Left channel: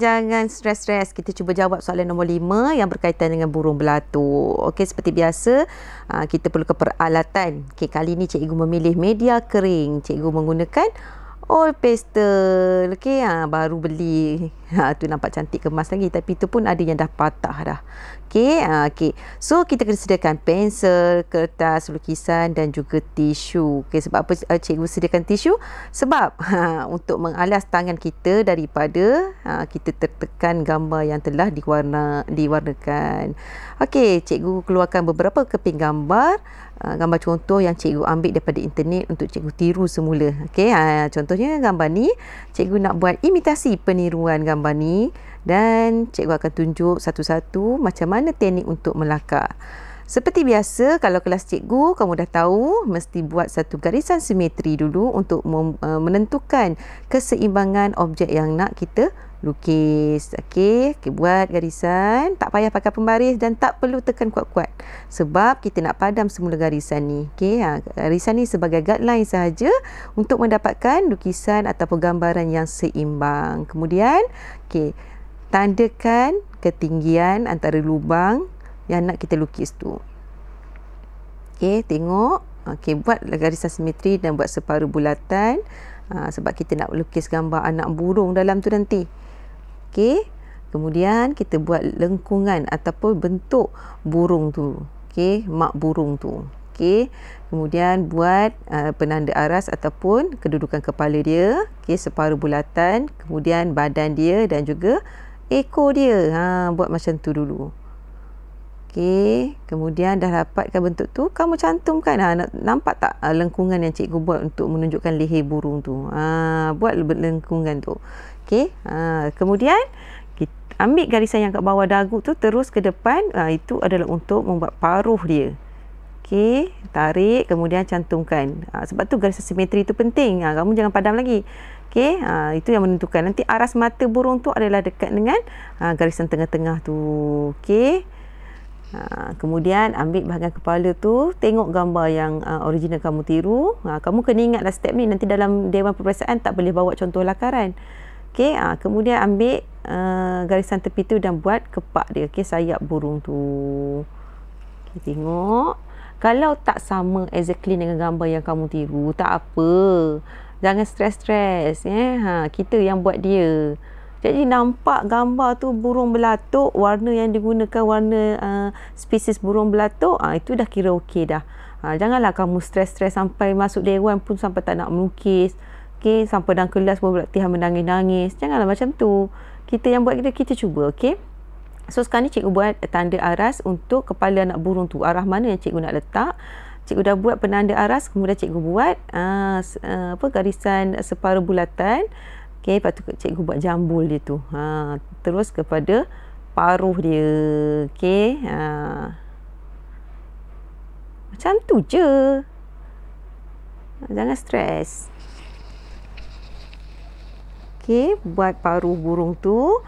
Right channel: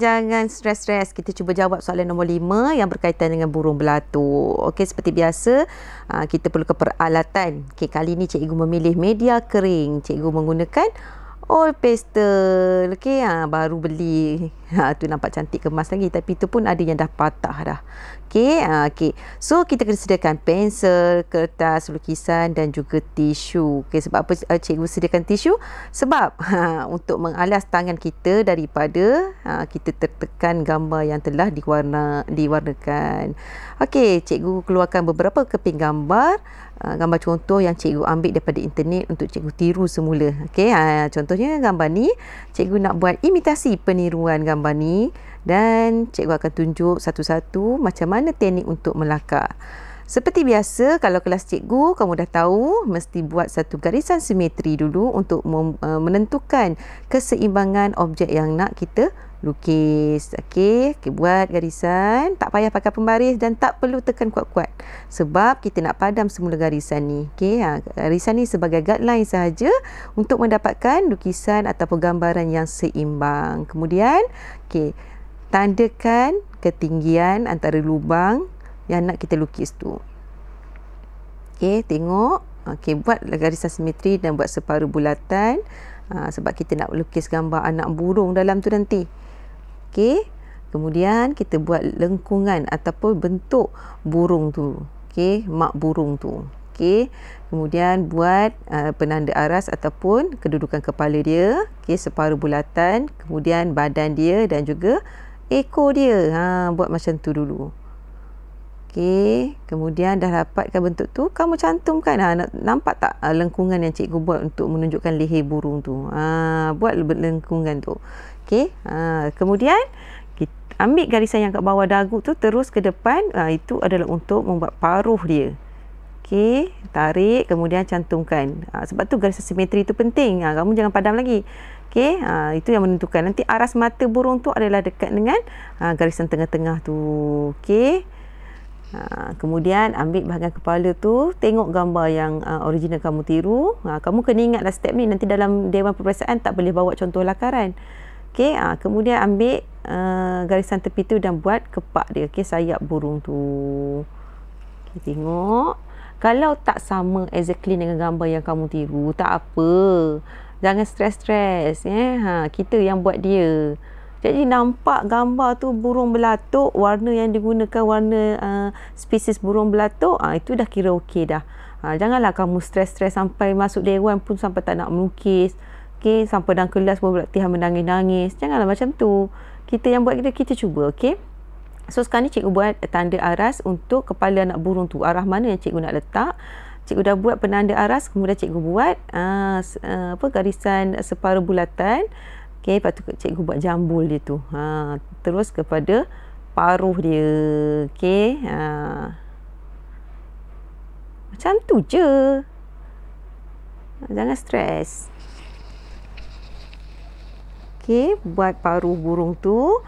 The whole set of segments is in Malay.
jangan stres-stres. Kita cuba jawab soalan nombor 5 yang berkaitan dengan burung belatuk. Okey, seperti biasa, kita perlukan peralatan. Okey, kali ni cikgu memilih media kering. Cikgu menggunakan oil pastel. Okey, baru beli. Tu nampak cantik kemas lagi, tapi tu pun ada yang dah patah dah. Okey, okey. So kita kena sediakan pensel, kertas, lukisan dan juga tisu. Okey, sebab apa cikgu sediakan tisu? Sebab untuk mengalas tangan kita daripada kita tertekan gambar yang telah diwarnakan. Okey, cikgu keluarkan beberapa keping gambar. Gambar contoh yang cikgu ambil daripada internet untuk cikgu tiru semula. Okey, contohnya gambar ni, cikgu nak buat imitasi peniruan gambar ni dan cikgu akan tunjuk satu-satu macam mana teknik untuk melakar. Seperti biasa, kalau kelas cikgu, kamu dah tahu mesti buat satu garisan simetri dulu untuk menentukan keseimbangan objek yang nak kita lukis. Okey, buat garisan, tak payah pakai pembaris dan tak perlu tekan kuat-kuat sebab kita nak padam semula garisan ni. Okey, garisan ni sebagai guideline sahaja untuk mendapatkan lukisan ataupun gambaran yang seimbang. Kemudian, okey, tandakan ketinggian antara lubang yang nak kita lukis tu. Okey, tengok. Okey, buat garisan simetri dan buat separuh bulatan. Sebab kita nak lukis gambar anak burung dalam tu nanti. Okey, kemudian kita buat lengkungan ataupun bentuk burung tu. Okey, mak burung tu. Okey, kemudian buat penanda aras ataupun kedudukan kepala dia. Okey, separuh bulatan, kemudian badan dia dan juga ekor dia. Buat macam tu dulu. Okey, kemudian dah dapatkan bentuk tu, kamu cantumkan. Nampak tak lengkungan yang cikgu buat untuk menunjukkan leher burung tu? Buat lengkungan tu. Okey, kemudian kita ambil garisan yang kat bawah dagu tu terus ke depan. Itu adalah untuk membuat paruh dia. Okey, tarik kemudian cantumkan. Sebab tu garisan simetri tu penting. Kamu jangan padam lagi. Okey, itu yang menentukan. Nanti aras mata burung tu adalah dekat dengan garisan tengah-tengah tu. Okey. Kemudian ambil bahagian kepala tu, tengok gambar yang original kamu tiru. Kamu kena ingatlah step ni, nanti dalam dewan peperiksaan tak boleh bawa contoh lakaran. Okey, kemudian ambil garisan tepi tu dan buat kepak dia. Okey, sayap burung tu. Okey, tengok. Kalau tak sama exactly dengan gambar yang kamu tiru, tak apa. Jangan stres-stres. Kita yang buat dia. Jadi nampak gambar tu burung belatuk, warna yang digunakan warna spesies burung belatuk, itu dah kira okey dah. Janganlah kamu stres-stres sampai masuk dewan pun sampai tak nak melukis. Okey, sampai dalam kelas pun latihan menangis-nangis. Janganlah macam tu. Kita yang buat kita cuba, okey. So sekarang ni cikgu buat tanda aras untuk kepala anak burung tu. Arah mana yang cikgu nak letak. Cikgu dah buat penanda aras, kemudian cikgu buat garisan separuh bulatan. Okey, lepas tu cikgu buat jambul dia tu. Terus kepada paruh dia. Okey. Macam tu je. Jangan stres. Okey, buat paruh burung tu.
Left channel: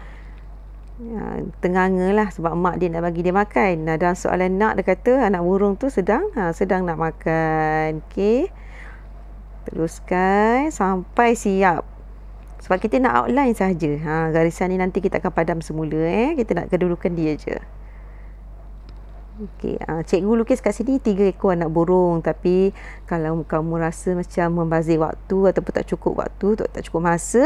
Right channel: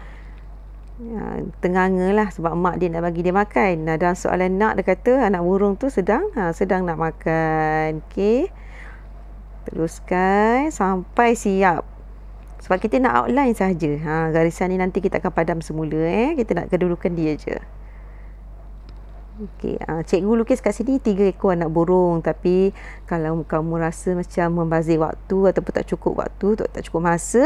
Tenganga lah sebab mak dia nak bagi dia makan. Dalam soalan nak dia kata anak burung tu sedang nak makan. Okey. Teruskan sampai siap. Sebab kita nak outline sahaja. Garisan ni nanti kita akan padam semula. Kita nak kedudukan dia je. Okey, cikgu lukis kat sini 3 ekor anak burung. Tapi kalau kamu rasa macam membazir waktu ataupun tak cukup waktu, tak cukup masa,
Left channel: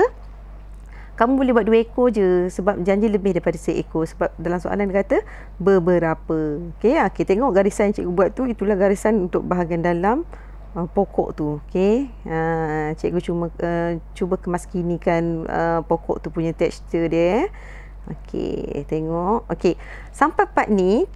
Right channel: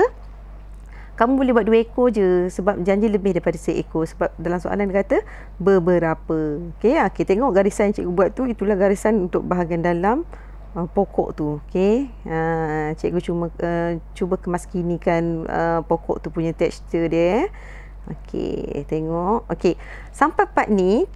kamu boleh buat 2 ekor je. Sebab janji lebih daripada seekor. Sebab dalam soalan dia kata beberapa. Okey, kita tengok garisan yang cikgu buat tu. Itulah garisan untuk bahagian dalam pokok tu. Okey, cikgu cuba kemaskinikan pokok tu punya tekstur dia. Okey, tengok. Okey, sampai part ni,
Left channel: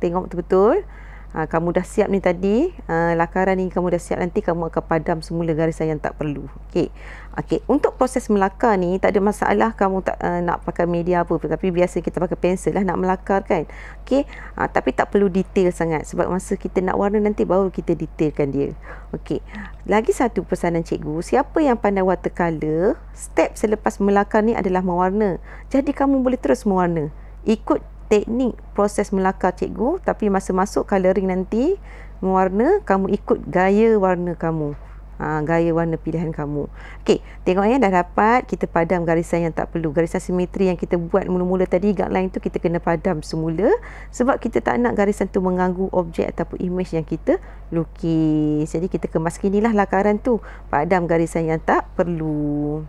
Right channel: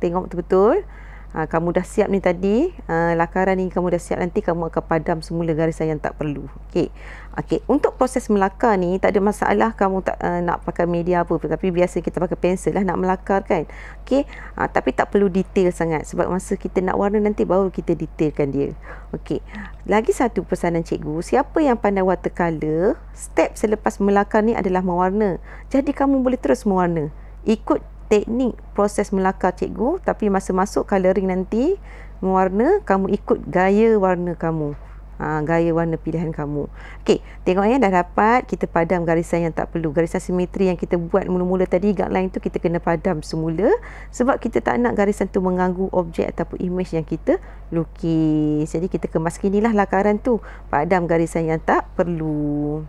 tengok betul-betul. Kamu dah siap ni tadi. Lakaran ni kamu dah siap, nanti kamu akan padam semula garisan yang tak perlu. Okey. Okey, untuk proses melakar ni tak ada masalah kamu tak nak pakai media apa, tapi biasa kita pakai pensel lah nak melakar kan. Okey, tapi tak perlu detail sangat sebab masa kita nak warna nanti baru kita detailkan dia. Okey. Lagi satu pesanan cikgu, siapa yang pandai watercolor, step selepas melakar ni adalah mewarna. Jadi kamu boleh terus mewarna. Ikut teknik proses melakar cikgu, tapi masa masuk colouring nanti mewarna, kamu ikut gaya warna kamu. gaya warna pilihan kamu. Okey, tengok ya, dah dapat. Kita padam garisan yang tak perlu. Garisan simetri yang kita buat mula-mula tadi, guideline tu kita kena padam semula sebab kita tak nak garisan tu mengganggu objek ataupun image yang kita lukis. Jadi kita kemaskinilah lakaran tu. Padam garisan yang tak perlu.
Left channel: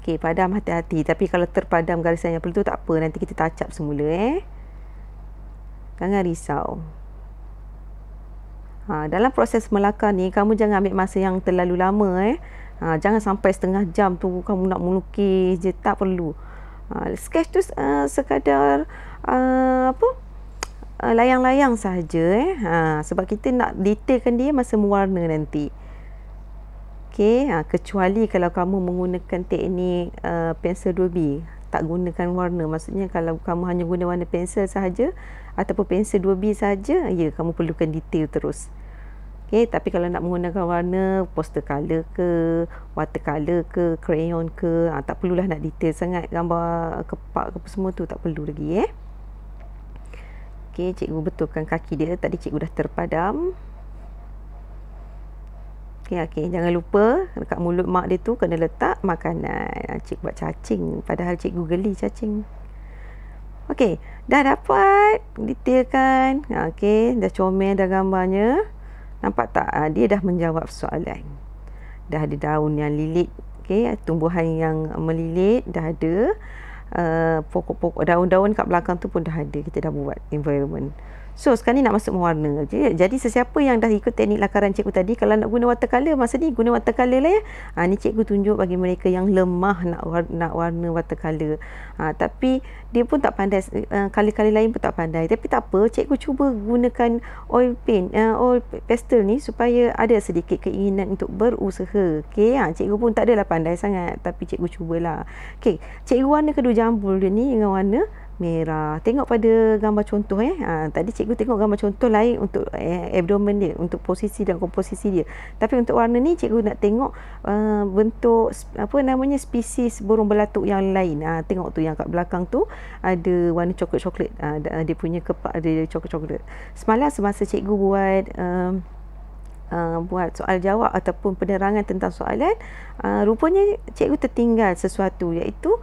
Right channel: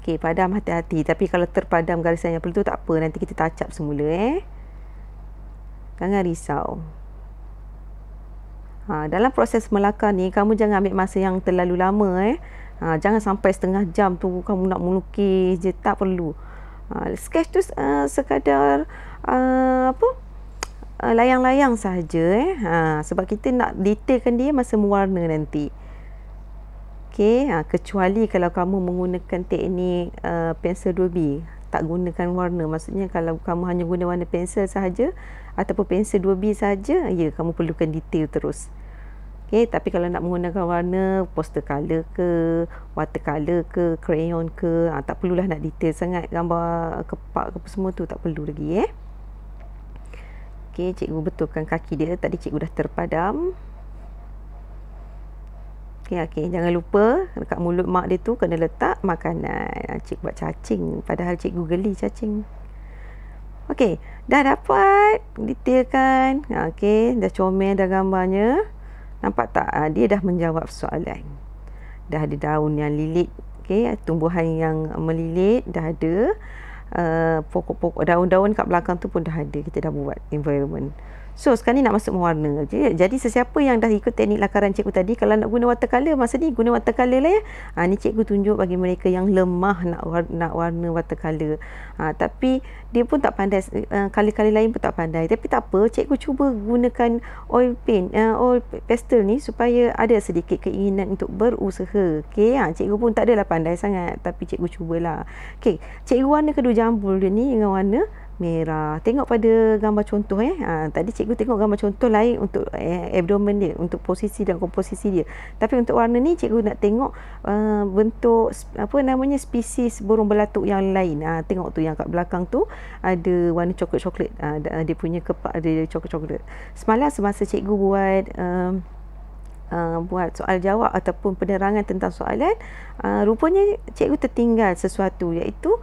Okey, padam hati-hati. Tapi kalau terpadam garisan yang perlu tu tak apa. Nanti kita touch up semula Jangan risau. Dalam proses melakar ni, kamu jangan ambil masa yang terlalu lama Jangan sampai setengah jam tu kamu nak melukis je. Tak perlu. Sketch tu sekadar layang-layang sahaja sebab kita nak detailkan dia masa mewarna nanti. Okey, kecuali kalau kamu menggunakan teknik pensel 2B, tak gunakan warna. Maksudnya kalau kamu hanya guna warna pensel sahaja ataupun pensel 2B sahaja, ya kamu perlukan detail terus. Okey, tapi kalau nak menggunakan warna poster color ke, watercolor ke, crayon ke, tak perlulah nak detail sangat. Gambar kepak ke semua tu tak perlu lagi Okey, cikgu betulkan kaki dia. Tadi cikgu dah terpadam. Okey, jangan lupa dekat mulut mak dia tu kena letak makanan. Cikgu buat cacing, padahal cikgu geli cacing. Okey, dah dapat detailkan. Okey, dah comel dah gambarnya. Nampak tak? Dia dah menjawab soalan. Dah ada daun yang lilit. Okey, tumbuhan yang melilit dah ada. Pokok-pokok, daun-daun kat belakang tu pun dah ada. Kita dah buat environment. So sekarang ni nak masuk mewarna. Jadi sesiapa yang dah ikut teknik lakaran cikgu tadi, kalau nak guna watercolor, masa ni guna watercolor lah ni cikgu tunjuk bagi mereka yang lemah nak warna watercolor. Tapi dia pun tak pandai, kali-kali lain pun tak pandai. Tapi tak apa, cikgu cuba gunakan oil paint, oil pastel ni supaya ada sedikit keinginan untuk berusaha. Okey, cikgu pun tak adalah pandai sangat, tapi cikgu cubalah. Okey, cikgu warna kedua jambul dia ni dengan warna merah. Tengok pada gambar contoh tadi cikgu tengok gambar contoh lain untuk abdomen dia, untuk posisi dan komposisi dia. Tapi untuk warna ni cikgu nak tengok bentuk spesies burung belatuk yang lain. Tengok tu yang kat belakang tu ada warna coklat-coklat. Dia punya kepak ada coklat-coklat. Semalam semasa cikgu buat soal jawab ataupun penerangan tentang soalan, rupanya cikgu tertinggal sesuatu, iaitu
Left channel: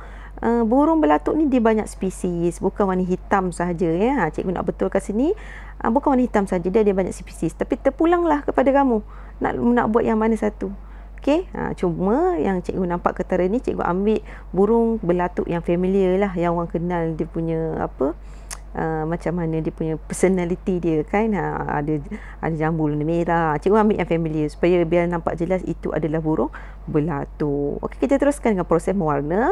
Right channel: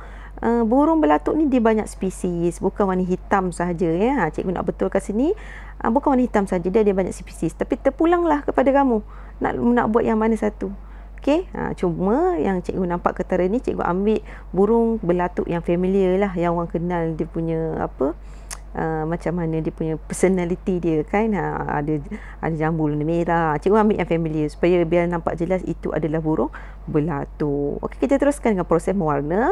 burung belatuk ni dia banyak spesies, bukan warna hitam sahaja Cikgu nak betulkan sini, bukan warna hitam saja, dia banyak spesies. Tapi terpulanglah kepada kamu nak buat yang mana satu. Okey, cuma yang cikgu nampak ketara ni, cikgu ambil burung belatuk yang familiar lah, yang orang kenal dia punya macam mana dia punya personality dia kan. Ada jambul merah. Cikgu ambil yang familiar supaya biar nampak jelas itu adalah burung belatuk. Okey, kita teruskan dengan proses mewarna.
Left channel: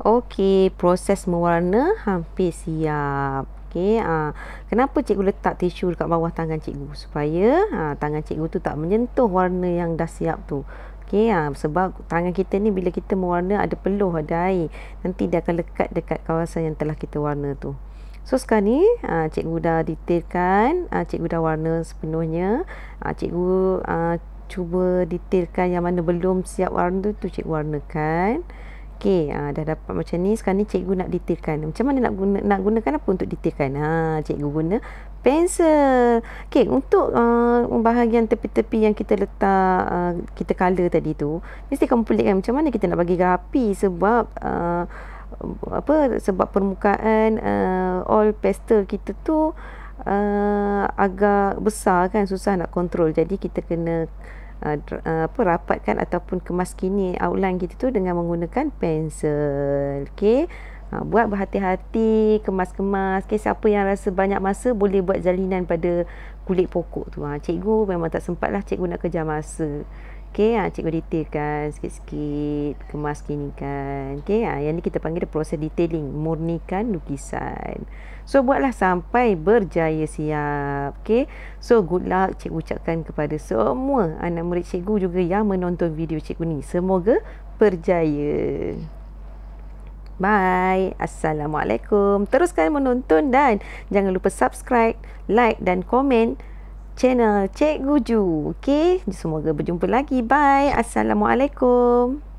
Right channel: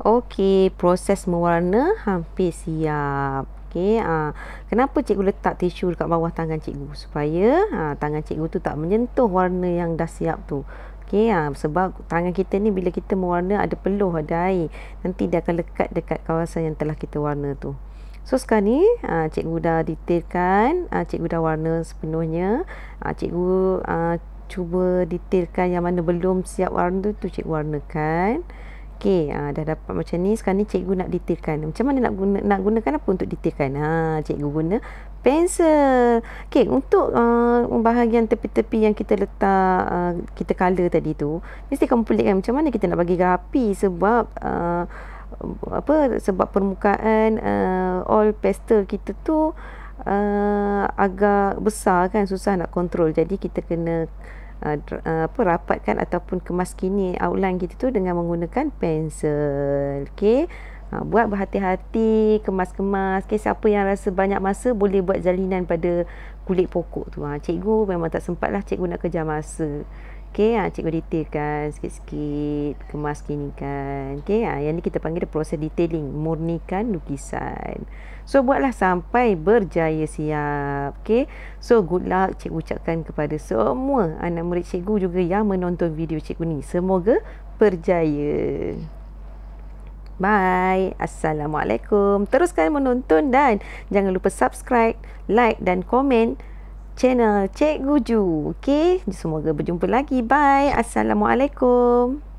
Okey, proses mewarna hampir siap. Okey, kenapa cikgu letak tisu dekat bawah tangan cikgu? Supaya tangan cikgu tu tak menyentuh warna yang dah siap tu. Okey, sebab tangan kita ni bila kita mewarna ada peluh, ada air. Nanti dia akan lekat dekat kawasan yang telah kita warna tu. So sekarang ni cikgu dah detailkan, cikgu dah warna sepenuhnya. Cikgu cuba detailkan yang mana belum siap warna tu cikgu warnakan. Okey, dah dapat macam ni. Sekarang ni cikgu nak detailkan. Macam mana nak gunakan apa untuk detailkan? Cikgu guna pensel. Okey, untuk bahagian tepi-tepi yang kita letak kita color tadi tu, mesti kamu pelitkan macam mana kita nak bagi rapi sebab sebab permukaan all pastel kita tu agak besar kan, susah nak kontrol. Jadi kita kena rapatkan ataupun kemaskini outline kita tu dengan menggunakan pensel. Okey, buat berhati-hati, kemas-kemas. Okey, siapa yang rasa banyak masa boleh buat jalinan pada kulit pokok tu. Cikgu memang tak sempat lah, cikgu nak kejar masa. Okey, cikgu detailkan sikit-sikit, kemas gini kan. Okey, yang ni kita panggil proses detailing, murnikan lukisan. So, buatlah sampai berjaya siap. Okey. So, good luck cikgu ucapkan kepada semua anak murid cikgu juga yang menonton video cikgu ni. Semoga berjaya. Bye. Assalamualaikum. Teruskan menonton dan jangan lupa subscribe, like dan komen channel Cikgu Ju. Okey, semoga berjumpa lagi. Bye. Assalamualaikum.